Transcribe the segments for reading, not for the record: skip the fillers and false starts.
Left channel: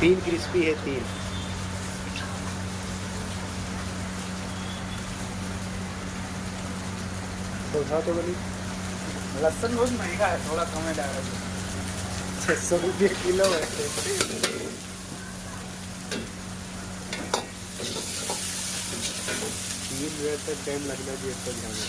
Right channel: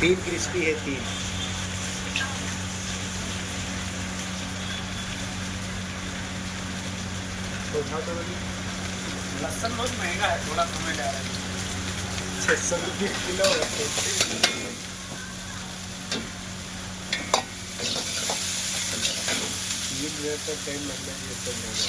तीन क्रिस्पी है, तीन। तो उठाओ तो बनी। लहसुन बहुत महंगा है, थोड़ा कम डाल रहा है। 600 रुपये किलो है। ये मिनट तक टाइम लगना चाहिए तक जाने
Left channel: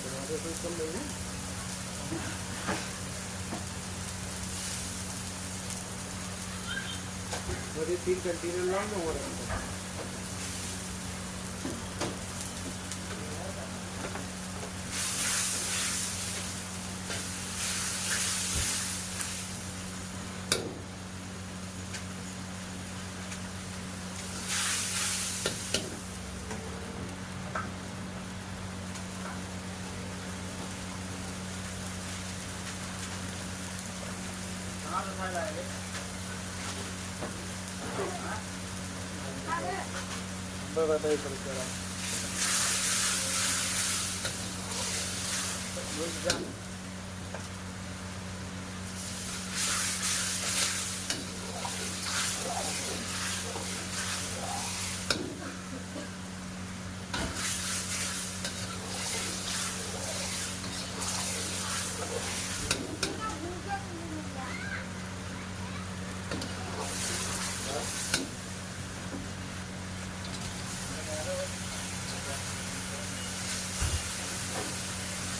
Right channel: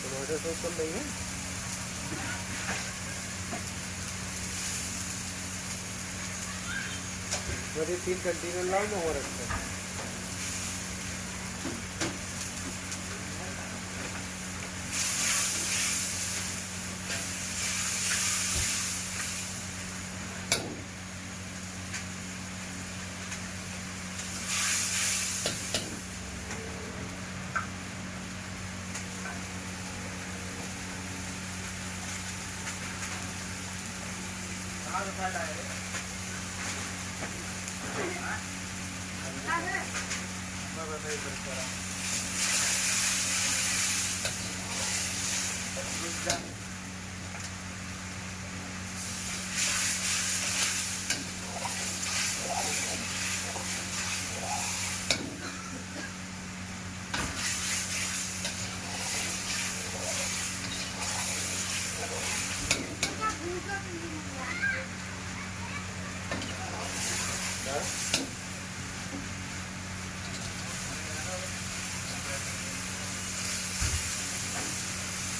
टमाटर सॉस कम नहीं है। मैं 3 कंटेनर लाऊं ना हो रखता। मैं बताइए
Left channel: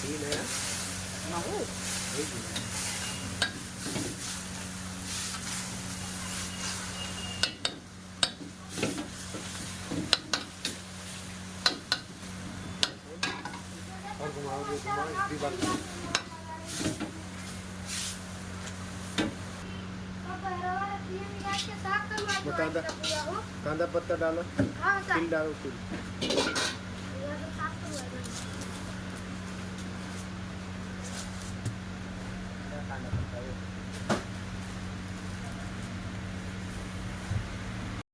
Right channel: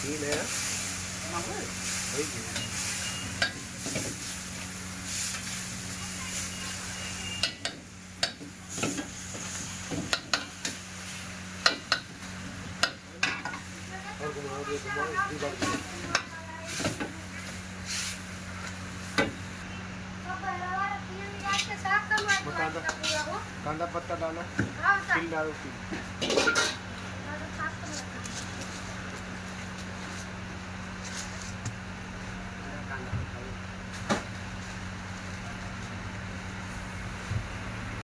तीन है वही और घुमाओगे घुमाओ इसी बात कांदा पत्ता डालो, तिल डालो, तिल।